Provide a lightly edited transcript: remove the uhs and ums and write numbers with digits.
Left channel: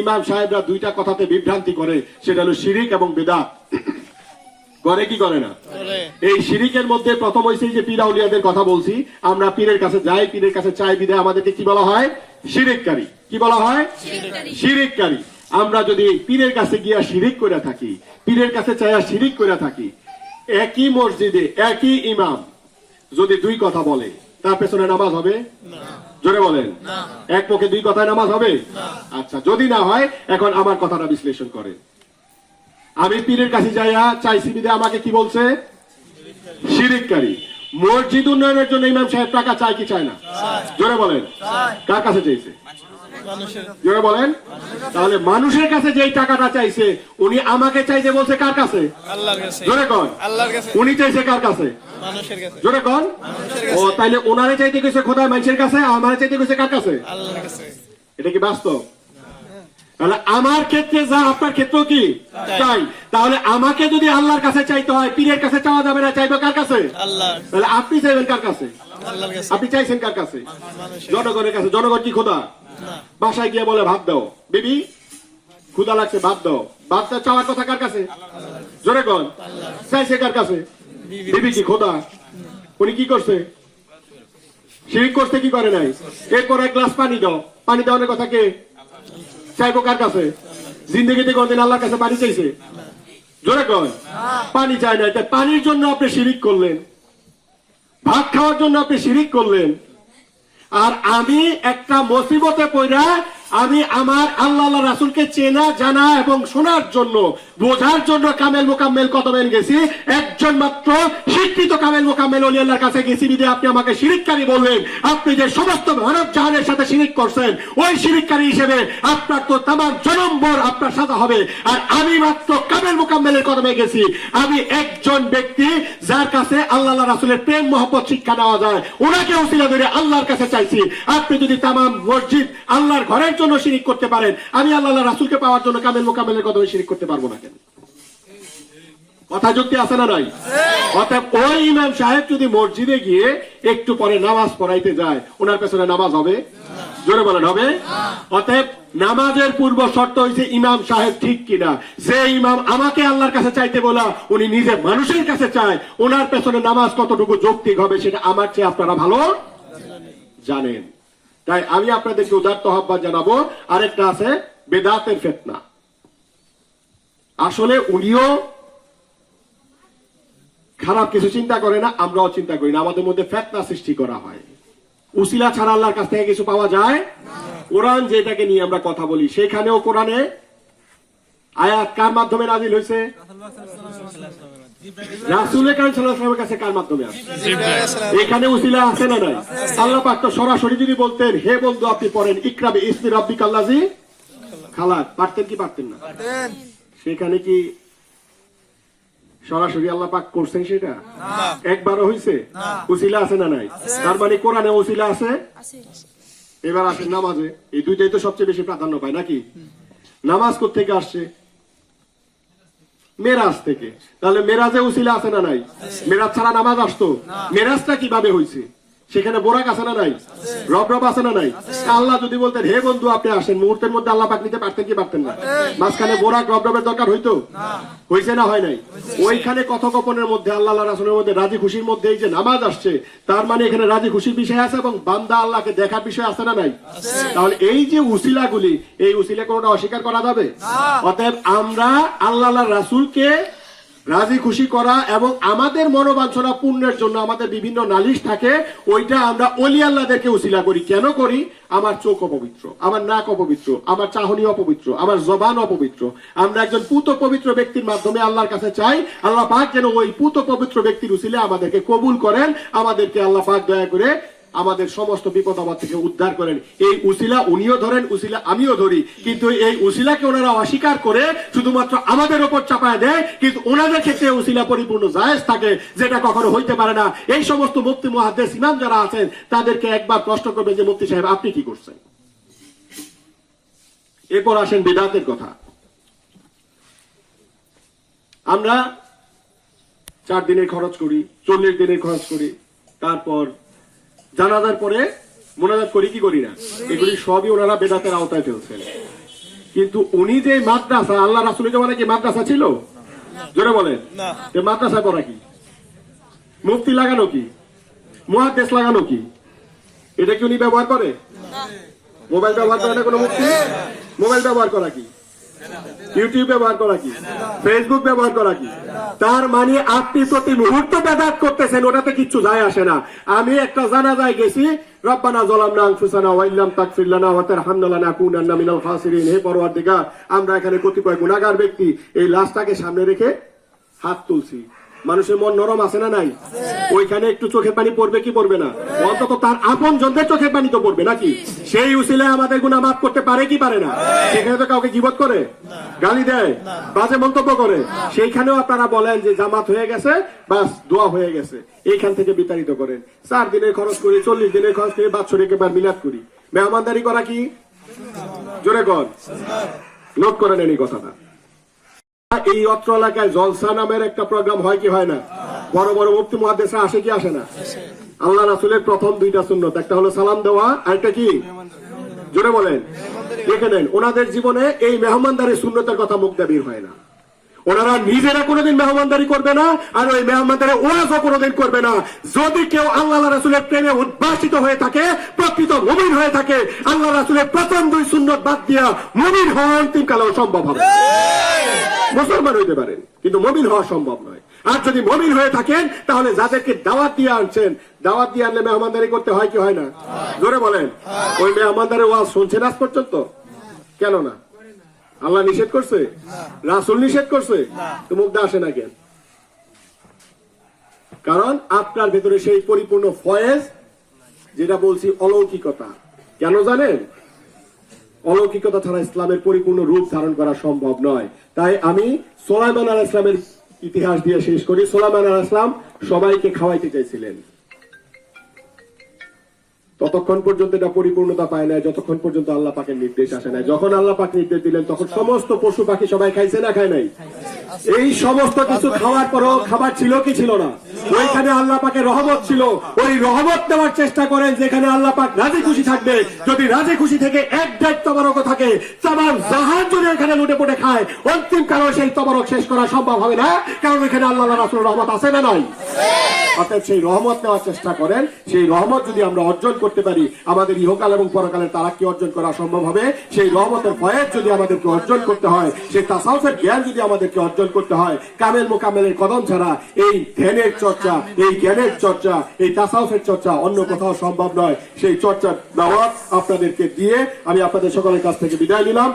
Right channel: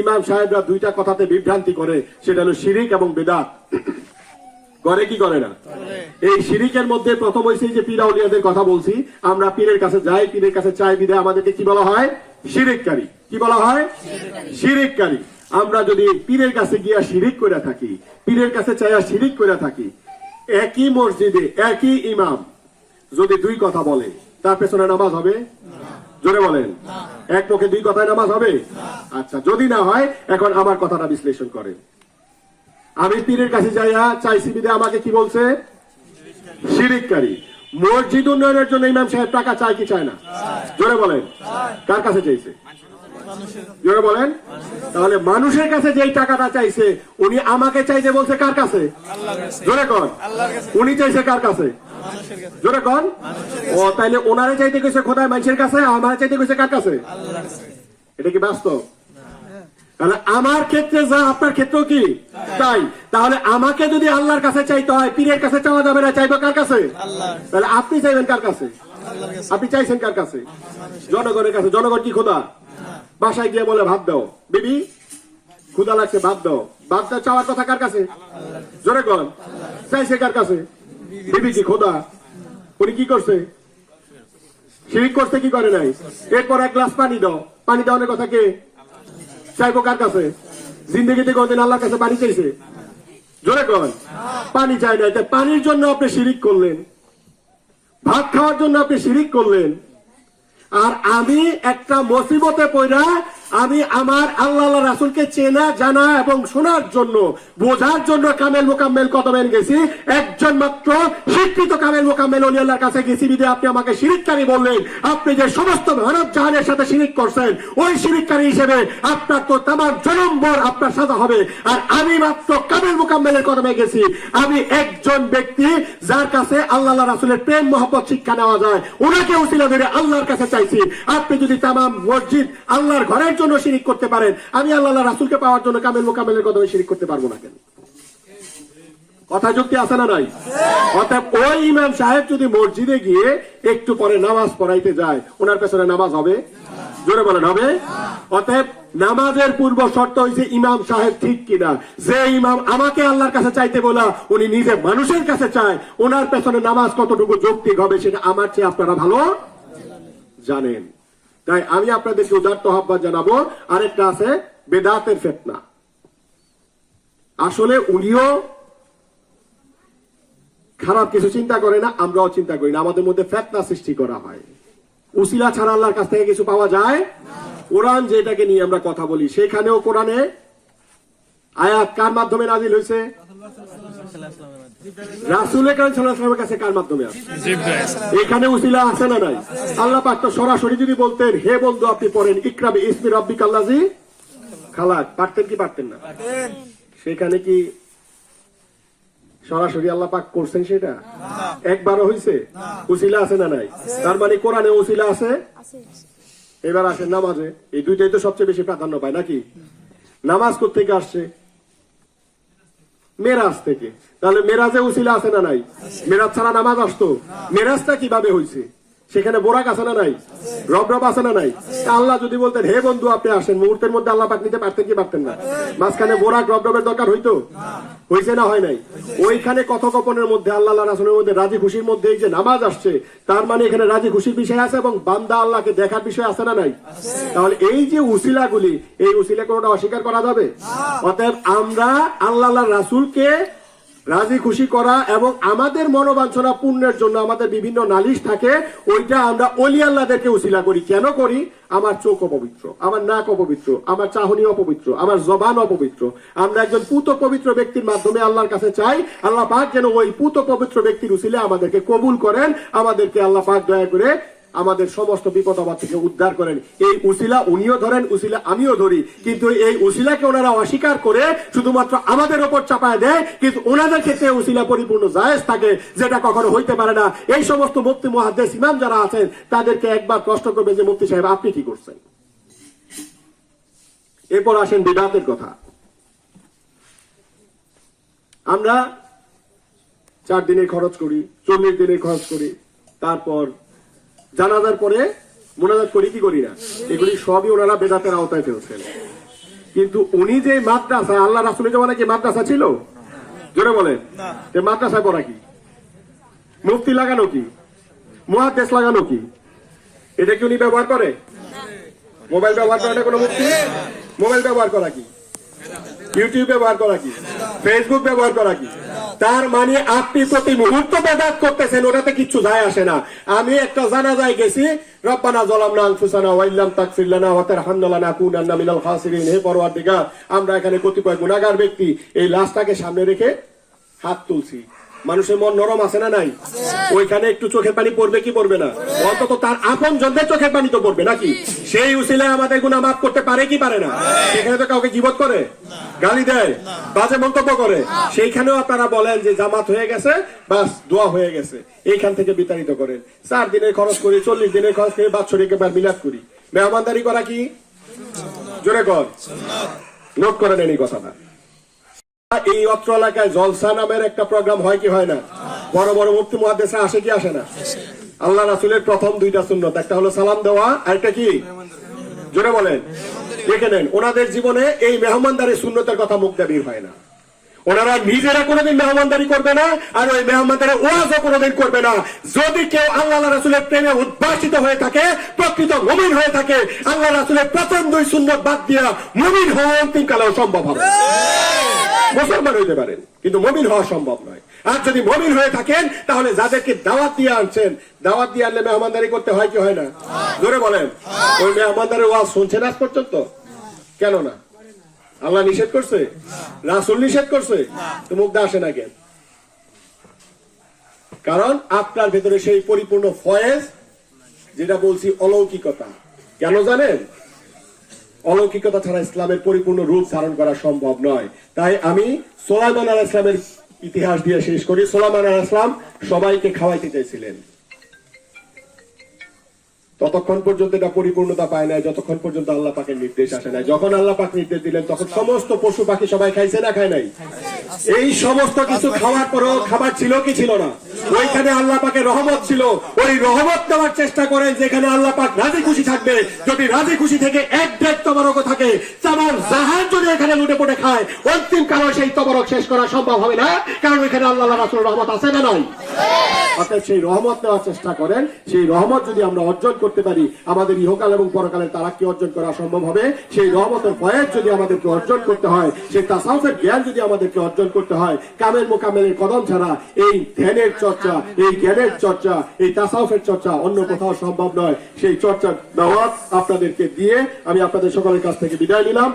ইমাম সাহেবরা দুইটা কথাতে বিভ্রান্তি করে, সেটা হলো শিরিক এবং বিদআত। করে কি করে না? এই শিরিকের মধ্যে প্রথম হইছে যে পীর আউলিয়াদের কথা বলছি, আমরা পীরের কাছে যাই, পীরের কাছে চাই বিধায় আমাদেরকে কি বলা হয়? শিরিককারী। কি বলা হয়? শিরিককারী। আমরা যদি পীরের কাছে গিয়া শিরিক করে থাকি, পীরের কাছে চাইয়া শিরিক করে থাকি, একই মসজিদে একই ইমাম যদি দুই কথা বলে, তার পেছনে নামাজ হবে? জোরে বলেন। এক পক্ষে দুই কথায় নামাজ হবে? আচ্ছা, যদি না হয় এখন আমার কথাটা বিশ্লেষণ করেন। আমি পীরের কাছে যাইয়া চাইছি বিধায় আমাকে কি বলছে? শিরিককারী। মসজিদ উন্নয়নের জন্য ইমাম সাহেব টাকা চায় কি চায় না? জোরে বলেন। কার কাছে চাইছে? জোরে বলেন। তাহলে মানুষের কাছে যেই টাকাটা চাইছে, উনি আমাকে চাইতে বলছে কার কাছে? জোরে কন। উনি চাইছে কার কাছে? জোরে কন। ও তাইলে ওনারে চাইতে গেছে খোদায় মানুষের কাছে, আমারে চাইতে গেছে কার কাছে? এটা কি বাস্তব? তাহলে আমার ক্ষেত্রে যা আপনার ক্ষেত্রেও কি চাই, তাহলে আমাকে যদি আল্লাহর কাছে চাইতে হয়, পীরের কাছে চাওয়া যাবে না, চাইবো কার কাছে? তাহলে আপনি চাইবেন কার কাছে? আপনি চাইছেন কার কাছে? জনগণের কাছে। জনগণ কি খোদা? বাসায় গিয়ে বলে ভাত দাও, বিবি ক্ষুধা লাগছে ভাত দাও। ভাতটা চাওয়ার কথা কার কাছে? জোরে কন। চাইছে কার কাছে? বিবি কি খোদা? উনি কি করছে? শিরিক করতে কি করে নাই? এরপর এক গ্লাস পানি দাও। পানি দেওয়ার কথা কে? চাইবো কার কাছে? জিন্দগিতে কোনদিন আল্লাহর কাছে পানি চাইছে? জোরে কন। পানি চায় না। পানির জন্য আপনি শিরিক করলেন, ভাত খাওয়ার জন্য আপনি শিরিক করলেন। আর আমি একটা মুসিবতে পড়া, আমি আমার আল্লাহ রাসূলকে চেনা জানা এবং শোনার জন্য, বোঝার জন্য কামেল মোকাম্মেল কতমেল গেছি, একজন মাত্র শিক্ষিত কামেল মোকাম্মেল ওলি আল্লাহর কাছে গেছি বিদে আপনি আমাকে শিরিককারী বললেন। আপনি যে সমস্ত মানব জাহানের সাথে শিরিক করছেন, ওই শিরিককারী হিসেবে আপনার তো তামাম জনমভর আপনার সাজা হবে। আর আমি মাত্র কামেল মোকাম্মেলের কদমে গেছি। আমি একজন ব্যক্তি যার কাছে আল্লাহ রাসূলের প্রেম মহব্বত শিক্ষা নেওয়া যায়, ওনাকে ওসিলা ধরে আল্লাহর কাছে চাইছি। আপনি যদি তামাম মসজিদ আল্লাহর ঘরের জন্য শিরিক করতে পারেন, আমি আল্লাহ রাসূলকে পাওয়ার জন্য কামেল মোকাম্মেলের কদমে শিরিক করতে পারবো না কেন? কথা যুক্তি আছে না নাই? অতএব ওই ইমাম সাহেব যদি মসজিদে গিয়ে একটু পরে নামাজ পড়াইতে যায়, ওনার পেছনে নামাজ হবে? জোরে বলেন হবে? অতএব নামাজের পূর্ব শর্ত হয়েছে ইমাম সাহেব ঠিক কিনা। যে ইমাম আমাকে আল্লাহর কাছে চাইতে বলা, উনি নিজে মানুষের কাছে চায়, ওনার পেছনে নামাজ কতটুকু যৌক্তিক হবে সেটা আমার চেয়ে আপনারা ভালো জানেন। তাই আমি আপনাদেরকে উদাত্ত আহ্বান জানাবো। আরেকটা আছে বেদাতের ফিতনা। আসলে উনিও খারাপ কিছু চিন্তা করে না, আমরাও চিন্তা করি না। আমাদের মধ্যে ফিতনা সৃষ্টি করা হয়। উসিলা ছাড়া আল্লাহর কাছ থেকে কিছু পাওয়া যায়? কোরআন যেটাকে নিয়ে আমরা কথা বলি, সেখানেও কোরআনে আয়াত কার মাধ্যমে নাযিল হয়েছে? রাসূল কারীম সাল্লাল্লাহু আলাইহি ওয়াসাল্লামের কাছে কার মাধ্যমে আসে? এখানে উসিলা আছে না নাই? আল্লাহ পাক তো সরাসরি যদি বলতেন, হে বন্ধু আপনি পড়েন ইকরা বিইসমি রাব্বিকাল্লাযী খালাক, পারতেন কি পারতেন না? সেখানে কি সরাসরি আল্লাহ পাক করছেন সেটা? একবারও হইছে? উসিলা আছে না নাই? তার মানে কোরআনে উসিলা আছে। এবার আসেন নামাজে। এই দুইটাই তো সবচেয়ে বেশি প্রাধান্য পায় নাকি? নামাজ কোত্থেকে আসছে? মেরাজ থেকে। তাহলে মেরাজে উসিলা আছে না নাই? মেরাজ ছাড়া নামাজ আসতো? মেরাজটা কিভাবে হয়েছে? সেখানে বোরাক আছে না নাই? রব রব আছে না নাই? আল্লাহ যদি বলতেন হে বন্ধু আপনি আসেন, মুহূর্তের মধ্যে আল্লাহ পাক নিতে পারতেন কি পারতেন না? মাঝখানে বোরাক রব রবের দরকার হইতো? হয়েছে না হয় নাই? ওইখানে কথোপকথনের মধ্যে আল্লাহ রাসূলের মধ্যে রাজি খুশির মধ্যে এই যে নামাজ আসছে, তার মানে এখানে রাজি খুশির বিষয় আছে এবং বান্দা আল্লাহকে দেখার বিষয় আছে না নাই? তাহলে এই যে উসিলাগুলি, এই উসিলা কোনটা অস্বীকার করা যাবে? অতএব আমরা আল্লাহ রাসূলকে রাজি খুশি করা এবং আমাদের মনোবাঞ্ছনা পূর্ণের জন্য আমাদের বিভিন্ন নালিশ থাকে, ওইটা আমরা ওলি আল্লাহদেরকে উসিলা করি। কেন করি? আমার চোখ অপবিত্র, আমার নাক অপবিত্র, আমার চাহনি অপবিত্র, আমার জবান অপবিত্র। আমরা একজন পুত পবিত্র ব্যক্তির মাধ্যমে আল্লাহর কাছে চাই, আল্লাহ পাক যেন ওই পুত পবিত্র ব্যক্তির উসিলে আমাদেরকে কবুল করেন, আমাদেরকে আল্লাহ পাক দয়া করে আমাদের সমস্ত বিপদ আপদ থেকে উদ্ধার করেন। এই উসিলা উনিও ধরেন, উসিলা আমিও ধরি, কিন্তু এই উসিলাকে ওনারা অস্বীকার করে শুধুমাত্র আমাদের উপর চাপায় দেয়, কিন্তু ওনাদের ক্ষেত্রে উসিলা পরিপূর্ণ জায়েজ থাকে, যেটা কখনো হইতে পারে না। এই সমস্ত মুফতি মুহাদ্দিস ইমাম যারা আছেন তাদেরকে একবার প্রশ্ন করবে যে মুফতি সাহেব আপনি কি করছেন? এরপর আসেন বিদআতের কথা। আমরা 4 দিনের খরচ করি, 40 দিনের খরচ করি, তারপর জানাজার পরে মোনাজাত করি কি করি না? এগুলি সবই ওনারা বেদাতের আওতায় ফেলছেন। কিন্তু উনি যে মাদ্রাসা, আল্লাহ রাসূলের জমানে কি মাদ্রাসা ছিল? জোরে বলেন। মাদ্রাসায় পড়া কি? মুফতি লাগানো কি? মুহাদ্দিস লাগানো কি? এটা কি উনি ব্যবহার করে? মোবাইল ব্যবহার করে না কোনো মুফতি? মোবাইল ব্যবহার করা কি? ইউটিউব ব্যবহার করা কি? ফেসবুক ব্যবহার করা কি? তার মানে আপনি প্রতি মুহূর্ত ব্যবহার করতেছেন, ওটাতে কিচ্ছু যায় আসে না। আমি একটা জানাজায় গেছি, রব্বানা যালামনা আনফুসানা ওয়া ইল্লাম তাগফির লানা ওয়া তারহামনা লানাকুনান্না মিনাল খাসিরিন। হে পরওয়ারদিগার, আমরা এখানে কতিপয় গুনাহগার ব্যক্তি এই লাশটাকে সামনে রেখে হাত তুলছি। মানুষের মন নরম আছে না নাই? ওইখানে একটু চোখের পানি পড়বে কি পড়বে না? অন্তত তার আপন জনদের চোখের পানি তো পড়বে নাকি? সেই উসিলায় আমাদের গুনাহ মাফ করতে পারে কি পারে না? সেখানে তো কাউকে গীবত করে, গালি দেয়, বাজে মন্তব্য করে। সেইখানেও আপনারা বলেন যে জামাত হয়ে গেছে, বাস দোয়া হয়ে গেছে, এইখান থেকে বিতাড়িত করেন। 4 দিনের খরচ করি, 40 দিনের খরচ করে বাৎসরিক এবার মিলাদ করি। মেহমানদারি করা কি? জোরে কর, নোট করে নেন এই কথাটা। এই অত্র এলাকায় জলসা নামের একটা প্রোগ্রাম হয় কি হয় না? বড় বড় মুফতি মুহাদ্দিসরা আসে কি আসে না? আল্লাহ রাসূলের প্রথম 2টা সুন্নত, একটা হলো সালাম দেওয়া, আরেকটা কি? জোরে বলেন। দেখে নেন, ওনাদের জীবনে এই মেহমানদারি সুন্নতের কথা মুখ দিয়ে বের হয় না। ওনারা নিজেরা কোনোদিন মেহমানদারি করবে না, আর ওই মেহমানদারি ওয়াজও কোনোদিন করবে না। যদি কেউ আল্লাহ রাসূলের প্রেমে উদ্ভাসিত হয়ে থাকে, প্রকৃত মুমিন হয়ে থাকে, আল্লাহ রাসূলের প্রথম 2 সুন্নত বাদ দিয়া মুমিন হওয়া অন্তিম কালেও সম্ভব হবে। মুসলমান হইতে পারেন, কিন্তু মুমিন হওয়া সম্ভব নয়। আর যদি মুমিন হয়ে থাকেন, তাহলে যাদেরকে দাওয়াত দিয়ে আনছেন, দাওয়াত দিয়ে আনলে মেহমানদারি করতে হয় কি হয় না? জোরে বলেন। ওই মেহমানদারি ওয়াজ শুনছেন আজ পর্যন্ত? কেন না? আল্লাহ নিষেধ করছে? রাসূল নিষেধ করছে? তো মুখ দিয়ে আসে না কেন? কারণ আপনার ভেতরে সেই পরিপূর্ণ ফয়েজ, যেটা বলছি অলৌকিকতা। কেন জানেন? অলৌকিকতা ছাড়া ইসলামের পরিপূর্ণ রূপ ধারণ করা সম্ভব নয়। তাই আমি সুলাইমান আলাইহিস সালামের ইতিহাস দিয়ে শেষ করি। সুলাইমান আলাইহিস সালাম সবাইকে খাওয়াইতে চাইছিলেন, ততক্ষণ পর্যন্ত এটা পরিপূর্ণতা পায় নাই যতক্ষণ পর্যন্ত আল্লাহ পাকের নির্দেশ আসে নাই। যখন আল্লাহ পাক নির্দেশ দিলেন, তখন সমস্ত পশু পাখি সবাই খাইছে না খায় নাই? এই সমস্ত কিছু খাওয়ার পরও খাবার ছিল কি ছিল না? ওইখানে আল্লাহ পাকের রহমত ছিল। ওই রহমত নেওয়ার চেষ্টা করেন যেখানে আল্লাহ পাক রাজি খুশি থাকবে। যদি রাজি খুশি থেকে এক দেড় তবরক থাকে, তামাম জাহান যদি এখানে লুটে পড়ে খায়, অন্তিম কারণ সেই তবরক শেষ করা সম্ভব হবে না। কারণ এখানে আল্লাহ রাসূলের রহমত আছে না নাই? অর্থাৎ সেই রহমত নেওয়ার চেষ্টা করেন। সেই রহমত যদি আমরা অর্জন করতে পারি, আমাদের ইহকাল এবং পরকালের তারাক্কি অর্জন করা সম্ভব হবে। সেই রহমতের ফয়েজ যদি আমাদেরকে অর্জন করতে হয়, সেই তাসাউফের জ্ঞান যদি আমাদেরকে অর্জন করতে হয়, কামেল মোকামেলের কদম ছাড়া এই ধ্যানের চর্চা, এই জ্ঞানের চর্চা, এই তাসাউফের চর্চা অন্য কোথাও সম্ভব নয়। সেই চর্চার দাওয়াত আপনাদেরকে দিয়ে আমি আপনাদের সকলের কাছ থেকে বিদায় নিলাম।